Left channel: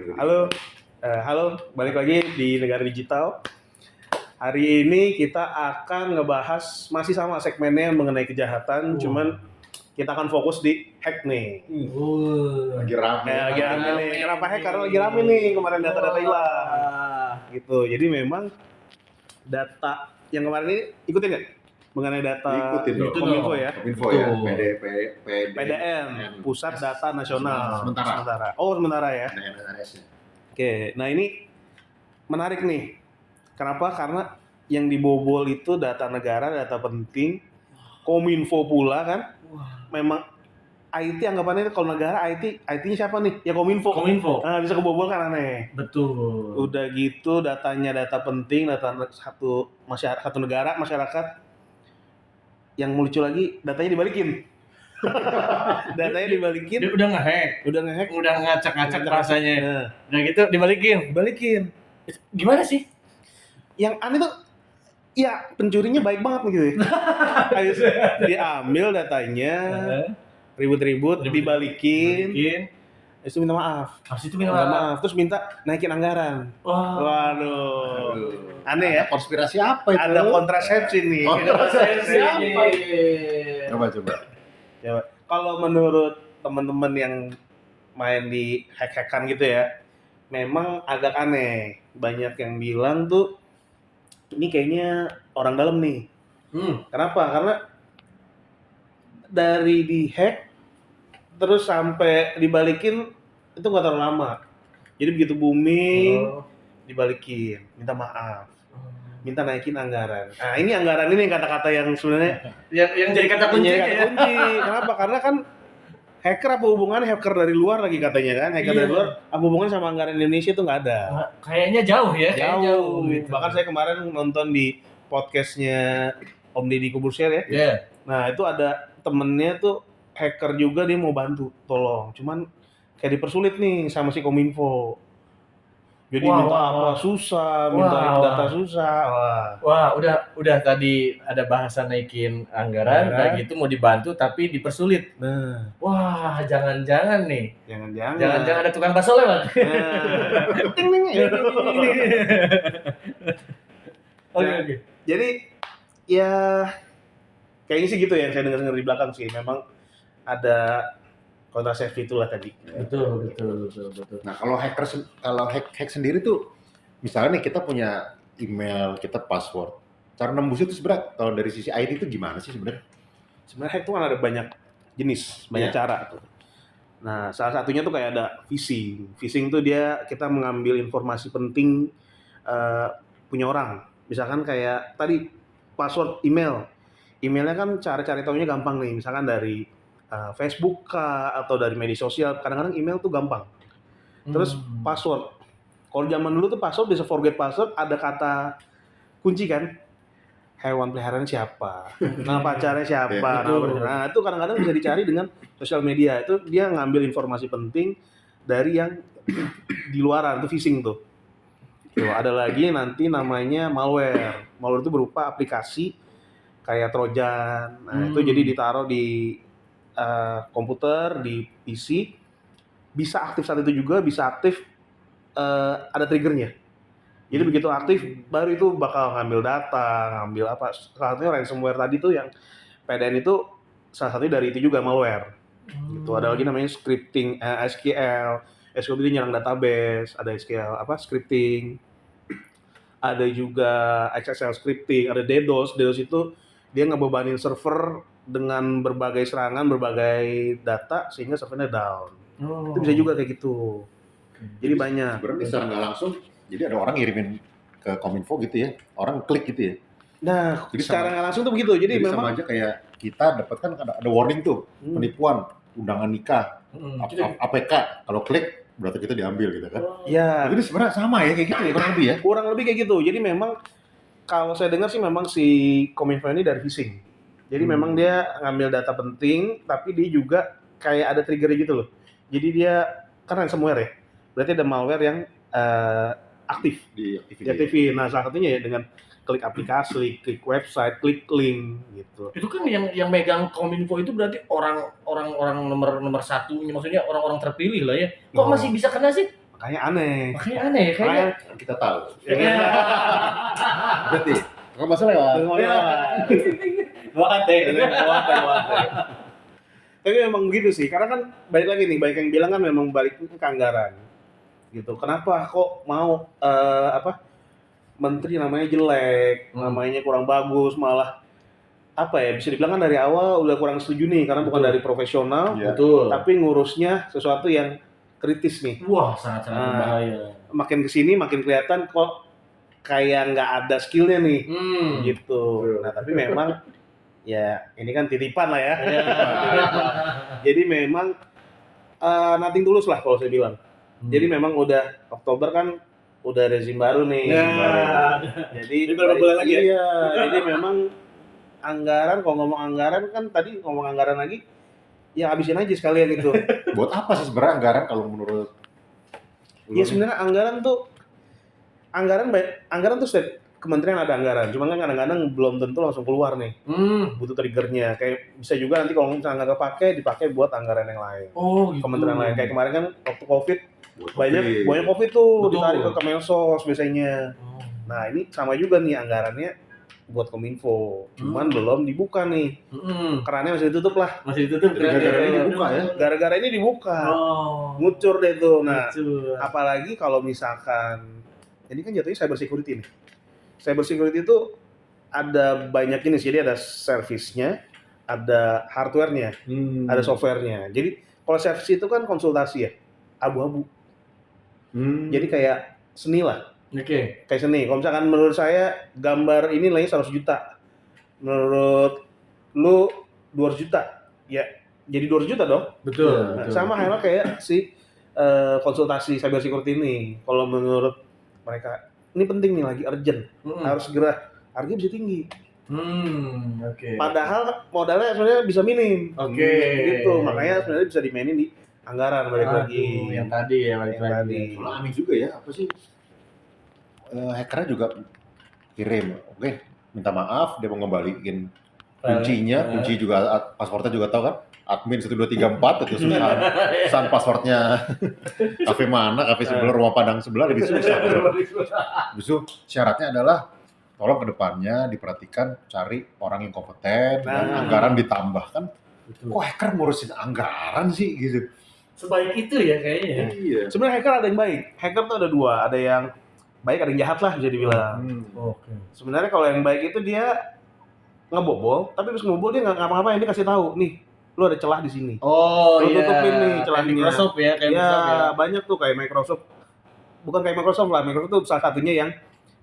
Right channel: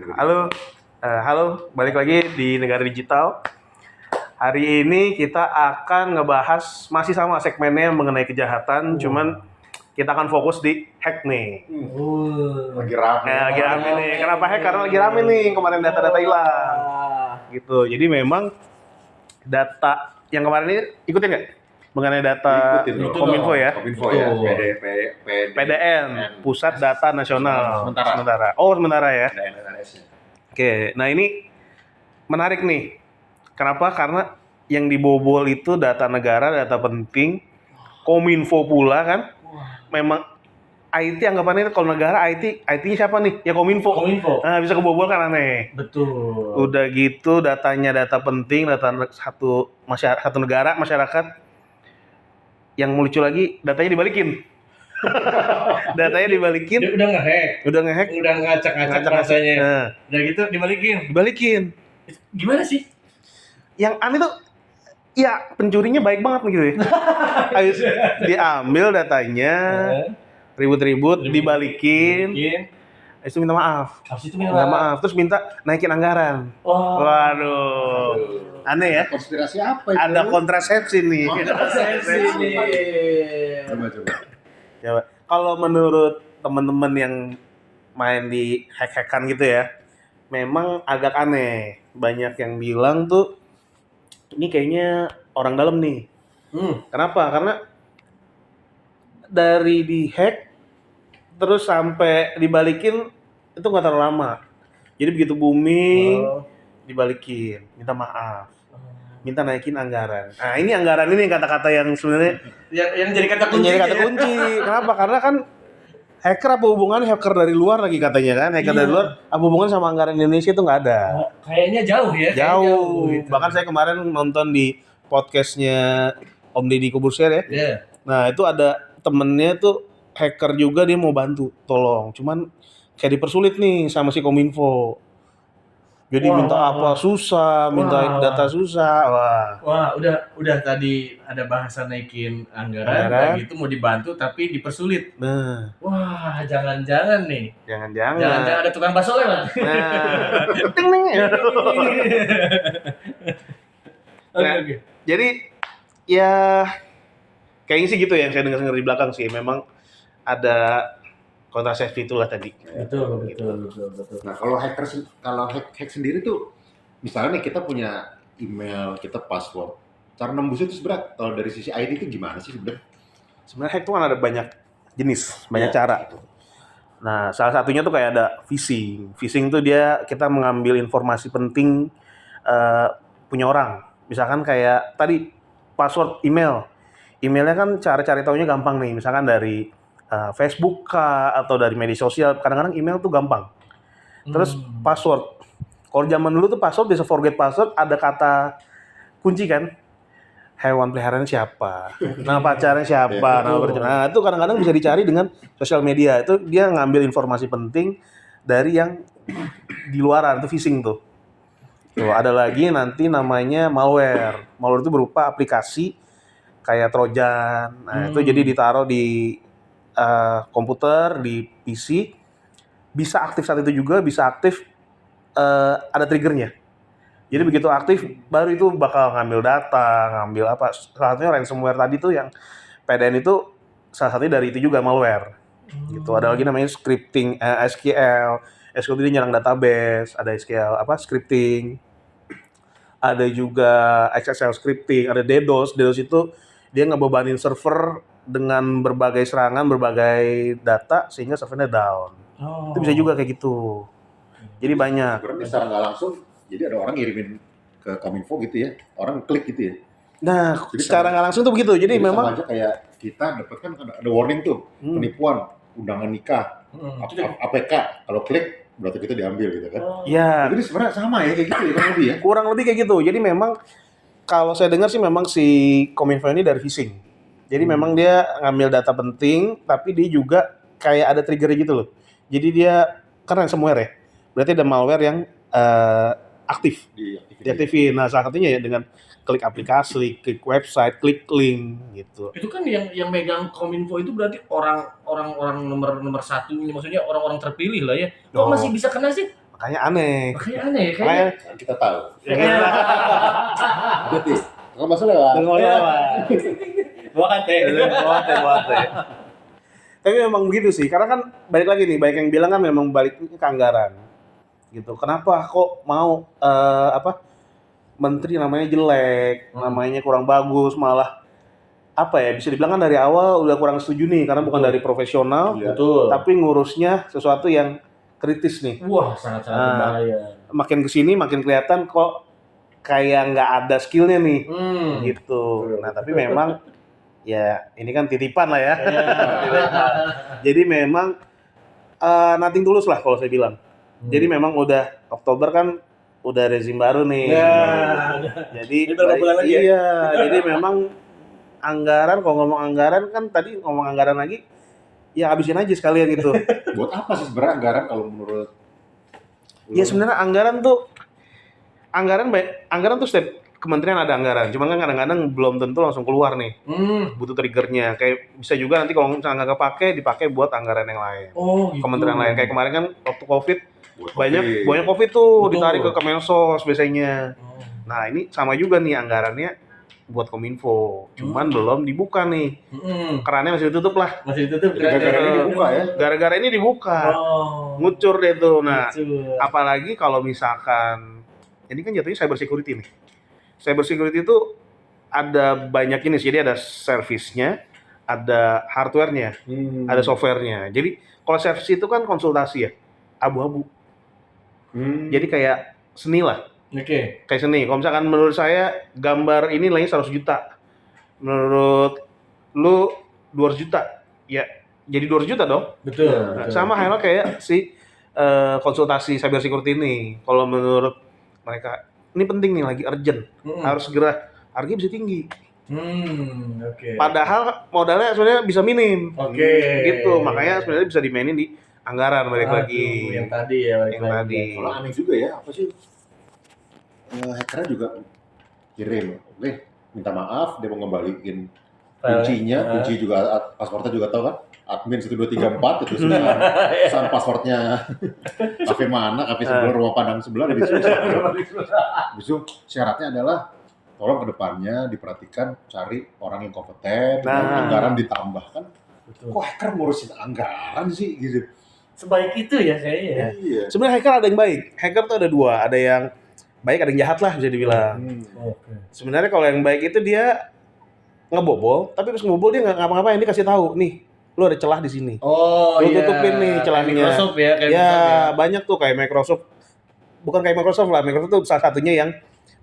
Halo, balik lagi di Negara Digital. Hari ini kita akan ngebahas masih sama segmennya mengenai kejahatan, cuman kita akan fokus di hack nih. Lagi rame. Lagi rame nih. Kenapa hack? Karena lagi rame nih kemarin data-data hilang. Gitu. Jadi memang data yang kemarin ini ikutin nggak? Mengenai data Kominfo ya. Kominfo ya. PDN, Pusat Data Nasional. Sementara. Oh, sementara ya. DNS-nya. Oke, nah ini menarik nih. Kenapa? Karena yang dibobol itu data negara, data penting, Kominfo pula kan. Memang IT anggapannya kalau negara IT-nya siapa nih? Ya Kominfo. Nah, bisa kebobol kan aneh. Betul. Udah gitu datanya data penting, data satu negara, masyarakat. Yang lucu lagi datanya dibalikin. Datanya dibalikin. Dia udah nge-hack, udah ngacak-ngacak rasanya. Nah. Udah gitu dibalikin. Gimana sih? Yang aneh tuh ya pencurinya baik banget gitu ya. Dia ambil datanya, ribut-ribut, dibalikin. Habis itu minta maaf. Terus minta naikin anggaran. Waduh. Aneh ya? Konspirasi apa itu? Ada kontrasepsi nih. Coba. Kalau menurut teman-teman yang main di hack-hackan gitu ya, memang agak aneh. Banyak yang bilang tuh ini kayaknya orang dalam nih. Kenapa? Karena dari di-hack terus sampai dibalikin itu nggak terlalu lama. Jadi begitu booming dibalikin, minta maaf, minta naikin anggaran. Nah ini anggaran ini kata-kata yang sebenarnya yang jadi kata kunci. Kenapa? Karena kan hacker apa hubungannya hacker dari luar lagi katanya kan? Hacker dari luar apa hubungan sama anggaran Indonesia itu nggak ada. Kayaknya jauh ya. Jauh. Gitu. Bahkan saya kemarin nonton di podcastnya Om Deddy Kobusier ya. Yeah. Nah itu ada temennya tuh hacker juga, dia mau bantu, tolong. Cuman kayak dipersulit nih sama si Kominfo. Jadi minta susah, minta data susah. Wah, udah tadi ada bahasa naikin anggaran, kayak gitu mau dibantu tapi dipersulit. Nah. Wah, jangan-jangan nih. Jangan-jangan ada tukang bakso lewat. Oke. Jadi ya kayaknya sih gitu ya yang saya dengar di belakang sih. Memang ada kontrasepsi itulah tadi. Betul. Nah, kalau hack sendiri tuh misalnya nih kita punya email, kita password. Cara nembus itu sebenarnya kalau dari sisi ID itu gimana sih sebenarnya? Sebenarnya hack itu kan ada banyak jenis, banyak cara. Nah, salah satunya tuh kayak ada phishing. Phishing tuh dia kita mengambil informasi penting punya orang. Misalkan kayak tadi password email. Emailnya kan cara cari taunya gampang nih. Misalkan dari Facebook kah atau dari media sosial. Kadang-kadang email tuh gampang. Terus password. Kalau zaman dulu tuh password bisa forget password, ada kata kunci kan. Hewan peliharaan siapa? Nama pacarnya siapa? Nah, itu kadang-kadang bisa dicari dengan sosial media. Itu dia ngambil informasi penting dari yang di luaran, itu phishing tuh. Tuh, ada lagi nanti namanya malware. Malware itu berupa aplikasi kayak Trojan. Nah, itu jadi ditaruh di komputer, di PC. Bisa aktif saat itu juga, bisa aktif ada triggernya. Jadi begitu aktif, baru itu bakal ngambil data, ngambil apa. Salah satunya ransomware tadi tuh yang PDN itu salah satunya dari itu juga malware. Gitu. Ada lagi namanya scripting, SQL. SQL itu nyerang database, ada SQL scripting. Ada juga XSL scripting, ada DDoS. DDoS itu dia ngebebanin server dengan berbagai serangan, berbagai data sehingga servernya down. Itu bisa juga kayak gitu. Jadi banyak. Sebenarnya secara nggak langsung, jadi ada orang ngirimin ke Kominfo gitu ya, orang klik gitu ya. Nah, jadi secara nggak langsung tuh begitu. Jadi memang sama aja kayak kita dapat kan ada warning tuh, penipuan, undangan nikah, APK. Kalau klik berarti kita diambil gitu kan. Ya. Jadi sebenarnya sama ya kayak gitu ya kurang lebih ya. Kurang lebih kayak gitu. Jadi memang kalau saya dengar sih memang si Kominfo ini dari phishing. Jadi memang dia ngambil data penting, tapi dia juga kayak ada trigger gitu loh. Jadi dia kan ransomware ya. Berarti ada malware yang aktif, diaktifin. Nah, salah satunya ya dengan klik aplikasi, klik website, klik link gitu. Itu kan yang megang Kominfo itu berarti orang nomor satunya, maksudnya orang-orang terpilih lah ya. Kok masih bisa kena sih? Makanya aneh. Makanya aneh ya kayaknya. Kan kita tahu. Ya. Berarti nggak masalah lewat. Buat teh. Tapi memang begitu sih, karena kan balik lagi nih, banyak yang bilang kan memang balik ke anggaran. Gitu. Kenapa kok mau menteri namanya jelek, namanya kurang bagus, malah apa ya, bisa dibilang kan dari awal udah kurang setuju nih karena bukan dari profesional, Betul. tapi ngurusnya sesuatu yang kritis nih. Wah, sangat-sangat berbahaya. Makin kesini makin kelihatan kok kayak nggak ada skillnya nih, gitu. Betul. Nah tapi memang ya ini kan titipan lah ya. Ya. Jadi memang nothing tulus lah kalau saya bilang. Jadi memang udah Oktober kan udah rezim baru nih. Ya. Jadi Ini berapa bulan lagi ya? Iya, jadi memang anggaran, kalau ngomong anggaran kan tadi ngomong anggaran lagi, ya habisin aja sekalian gitu. Buat apa sih sebenarnya anggaran kalau menurut lu? Ya sebenarnya anggaran tuh setiap kementerian ada anggaran, cuman kan kadang-kadang belum tentu langsung keluar nih. Butuh triggernya, kayak bisa juga nanti kalau misalnya nggak kepake, dipakai buat anggaran yang lain. Oh, gitu. Kementerian lain, kayak kemarin kan waktu COVID, Buat banyak kopi. COVID tuh Betul. ditarik ke Kemensos biasanya. Oh. Nah ini sama juga nih anggarannya buat Kominfo, cuman belum dibuka nih, kerannya masih ditutup lah. Masih ditutup. Gara-gara ini dibuka ya? Gara-gara ini dibuka, Oh. ngucur deh tuh. Nah, Ngucur. apalagi kalau misalkan ini kan jatuhnya cyber security nih. Cyber security itu ada banyak jenis, jadi ada servisnya, ada hardware-nya, ada software-nya. Jadi kalau service itu kan konsultasi ya, abu-abu. Jadi kayak seni lah. Oke. Kayak seni. Kalau misalkan menurut saya gambar ini nilainya 100 juta. Menurut lu 200 juta. Ya, jadi 200 juta dong. Betul. Nah, sama halnya kayak si konsultasi cyber security ini. Kalau menurut mereka ini penting nih, lagi urgent. Harus segera, harganya bisa tinggi. Oke. Padahal modalnya sebenarnya bisa minim. Oke. Gitu. Makanya sebenarnya bisa dimainin di anggaran balik lagi. Yang tadi ya balik Yang lagi. tadi. Kalau aneh juga ya, apa sih? Hackernya juga kirim, oke, minta maaf, dia mau ngembaliin kuncinya, kunci juga, passwordnya juga tahu kan? Admin 1234 itu susah. Sama passwordnya kafe mana, kafe sebelah, rumah Padang sebelah lebih susah. Habis itu syaratnya adalah tolong ke depannya diperhatikan cari orang yang kompeten, dan anggaran ditambahkan. Betul. Kok hacker ngurusin anggaran sih gitu? Sebaik itu ya kayaknya ya. Iya. Sebenarnya hacker ada yang baik. Hacker tuh ada dua, ada yang baik, ada yang jahat lah bisa dibilang. Oke. Sebenarnya kalau yang baik itu dia ngebobol, tapi pas ngebobol dia nggak ngapa-ngapain, dia kasih tahu nih, lu ada celah di sini. Oh Lu iya. tutupin nih Kayak celahnya. Microsoft ya, kayak Ya Microsoft ya. banyak tuh kayak Microsoft, bukan kayak Microsoft lah, Microsoft tuh salah satunya yang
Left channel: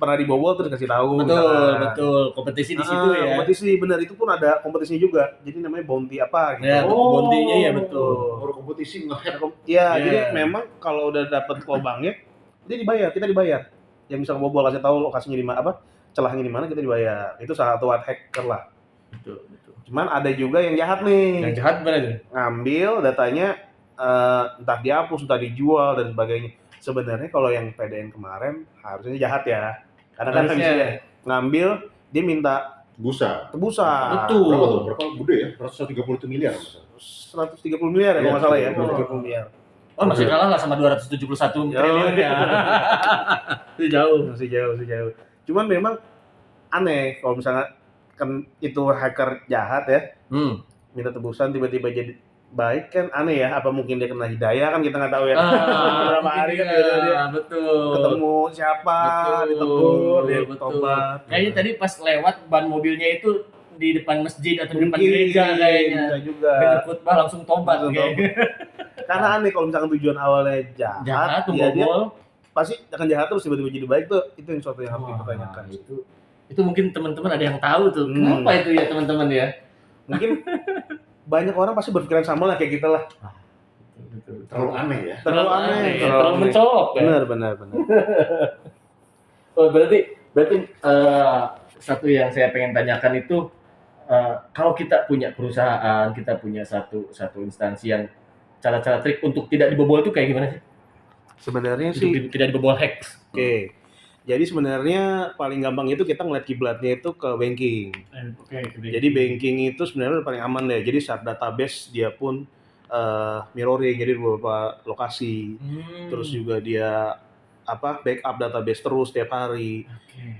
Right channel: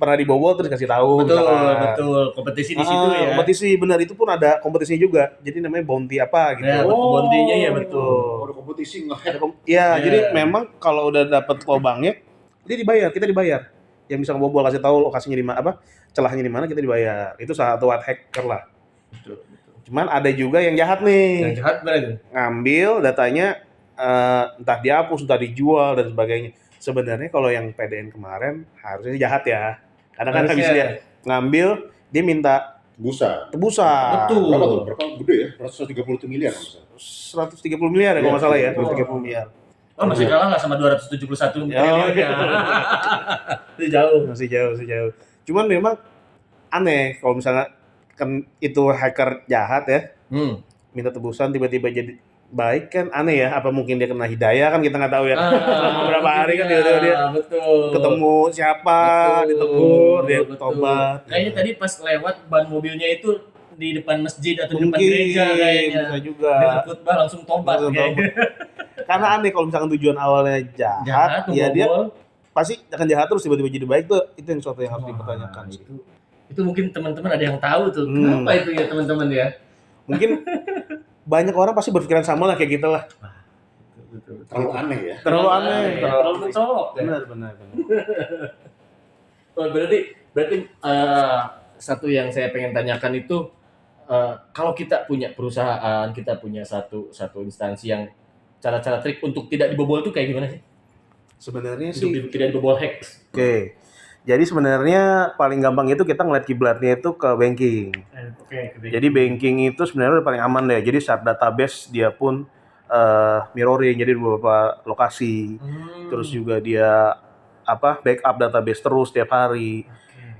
pernah dibobol terus kasih tahu. Betul, misalkan. betul. Kompetisi di situ ya. Kompetisi benar, itu pun ada kompetisinya juga. Jadi namanya bounty apa gitu. Ya, bounty-nya ya betul. Ada kompetisi nge-hack. Ya, Ya. jadi memang kalau udah dapet lubangnya, dia dibayar, kita dibayar. Yang bisa ngebobol kasih tahu lokasinya di mana, celahnya di mana, kita dibayar. Itu salah satu hacker lah. Betul. Cuman ada juga yang jahat nih. Yang jahat berarti. Ngambil datanya, entah dihapus, entah dijual dan sebagainya. Sebenarnya kalau yang PDN kemarin harusnya jahat ya. Karena kan habis dia ngambil, dia minta Busa. tebusan. Betul. Berapa tuh? Berapa gede ya? 130 miliar misalnya. 130 miliar ya kalau nggak salah ya, 130 miliar. Oh, masih kalah lah sama 271 triliun ya. Itu jauh. Masih jauh. Cuman memang aneh kalau misalnya kan itu hacker jahat ya, minta tebusan tiba-tiba jadi baik kan aneh ya. Apa mungkin dia kena hidayah kan kita nggak tahu ya. Beberapa hari kan dia betul. ketemu siapa, Betul, ditegur, dia betul. tobat. Kayaknya tadi pas lewat ban mobilnya itu di depan masjid atau di depan Mungkin, gereja kayaknya. bisa juga. Dengar khutbah langsung tobat Langsung kayaknya. Karena aneh kalau misalkan tujuan awalnya jahat, Jahat, ya dia membobol. pasti akan jahat terus tiba-tiba jadi baik tuh. Itu yang suatu yang harus dipertanyakan. Wah, itu mungkin teman-teman ada yang tahu tuh. Hmm. Kenapa itu ya teman-teman ya? Mungkin banyak orang pasti berpikiran sama lah kayak kita lah. Betul. Terlalu aneh ya. Terlalu aneh, terlalu aneh. mencolok ya. Benar. Oh, berarti satu yang saya pengen tanyakan itu kalau kita punya perusahaan, kita punya satu instansi yang cara-cara trik untuk tidak dibobol itu kayak gimana sih? Sebenarnya Untuk sih tidak dibobol hack. oke. Jadi sebenarnya paling gampang itu kita ngeliat kiblatnya itu ke banking. Oke. Jadi banking itu sebenarnya udah paling aman deh. Jadi saat database dia pun mirroring, jadi di beberapa lokasi. Terus juga dia backup database terus tiap hari.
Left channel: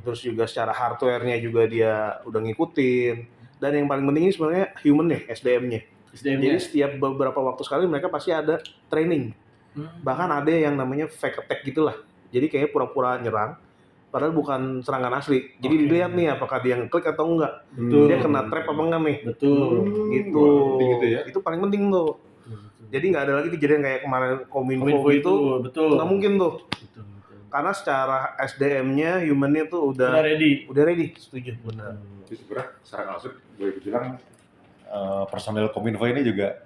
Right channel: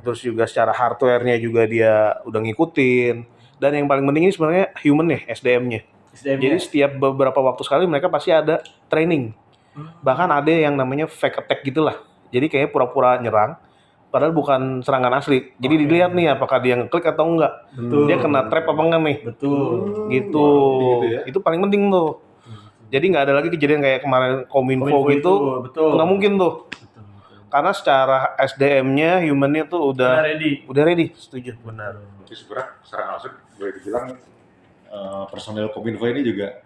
Terus juga secara hardware-nya juga dia udah ngikutin. Dan yang paling penting ini sebenarnya human ya, SDM-nya. Jadi setiap beberapa waktu sekali mereka pasti ada training. Bahkan ada yang namanya fake attack gitulah. Jadi kayak pura-pura nyerang, padahal bukan serangan asli. Jadi dilihat nih apakah dia ngeklik atau enggak. Betul. Dia kena trap apa enggak nih. Betul. Gitu. Wah, gitu ya. Itu paling penting tuh. Jadi nggak ada lagi kejadian kayak kemarin Kominfo Kominfo gitu. betul. Nggak mungkin tuh. Betul. Karena secara SDM-nya, human-nya tuh Udah ready. udah ready. Setuju. Benar. Jadi sebenarnya secara nggak langsung boleh dibilang personel Kominfo ini juga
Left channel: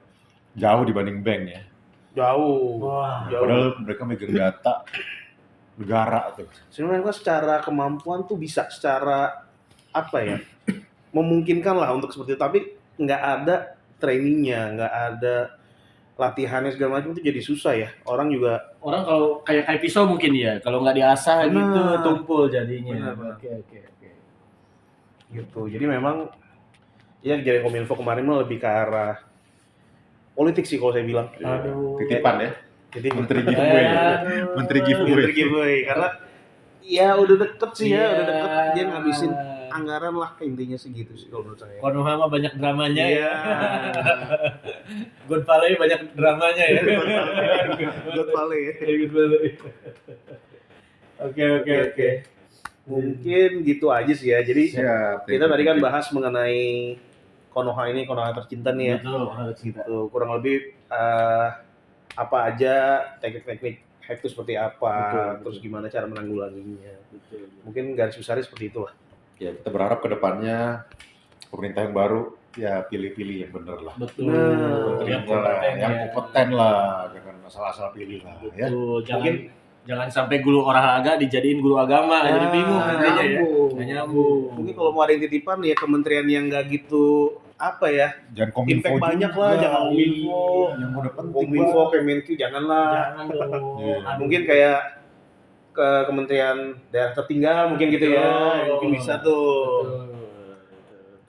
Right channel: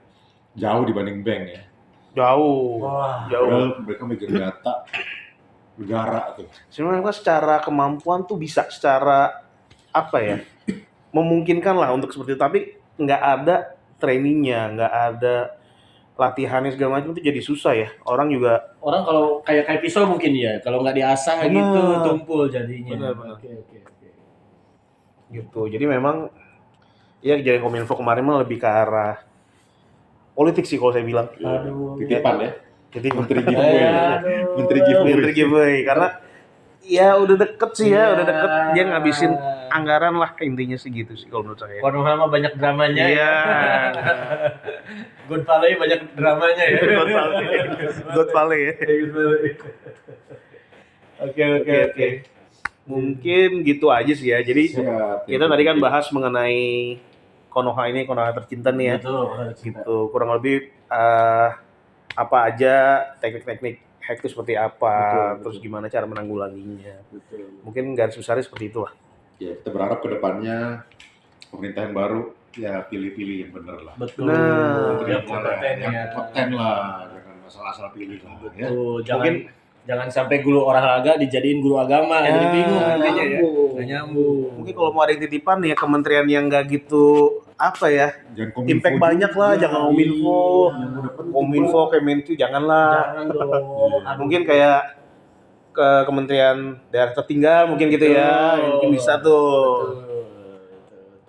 jauh dibanding bank ya. Jauh. Wah. Jauh. Padahal mereka megang data negara tuh. Sebenarnya secara kemampuan tuh bisa, secara memungkinkan lah untuk seperti itu. Tapi nggak ada trainingnya, nggak ada latihannya segala macam itu jadi susah ya. Orang Kalau kayak pisau mungkin ya, kalau nggak diasah Benar. gitu tumpul jadinya. Benar. Oke. gitu. Jadi memang ya kejadian Kominfo kemarin mah lebih ke arah politik sih kalau saya bilang. Aduh. Titipan ya. Jadi Menteri giveaway. Aduh. Menteri giveaway. Menteri giveaway karena ya udah deket sih ya, Iya. udah deket dia ngabisin anggaran lah intinya sih gitu sih kalau menurut saya. Konoha mah banyak dramanya Iya. ya. Good Valley banyak dramanya ya. God Valley ya. Good Valley. Oke. Mungkin gitu aja sih ya. Jadi Siap. kita tadi kan bahas mengenai Konoha tercinta nih ya. Betul, harus kita. Gitu, kurang lebih apa aja teknik-teknik hack itu seperti apa, Betul. terus gimana cara menanggulanginya. Betul. Mungkin garis besarnya seperti itu lah. Ya kita berharap ke depannya pemerintah yang baru ya pilih-pilih yang benar lah. Betul. Nah, yang kompeten yang ya. kompeten lah, jangan asal-asal pilih lah ya. Betul. Mungkin- Jangan sampai guru olahraga dijadiin guru agama, jadi bingung nggak nantinya ya. nyambung. Nggak nyambung. Mungkin kalau mau ada yang titipan ya kementerian yang nggak gitu Jangan Kominfo impact juga. banyak lah, jangan Kominfo, Yang udah penting. Kominfo, Kemenku janganlah. Jangan dong. Iya. Aduh. Mungkin kayak ke kementerian daerah tertinggal mungkin gitu ya, Betul. mungkin bisa tuh. Betul.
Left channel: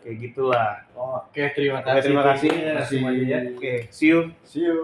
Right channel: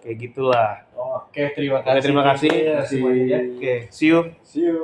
Kayak gitulah. Oke, terima Oke, kasih. terima kasih. semuanya. Oke, see you. See you.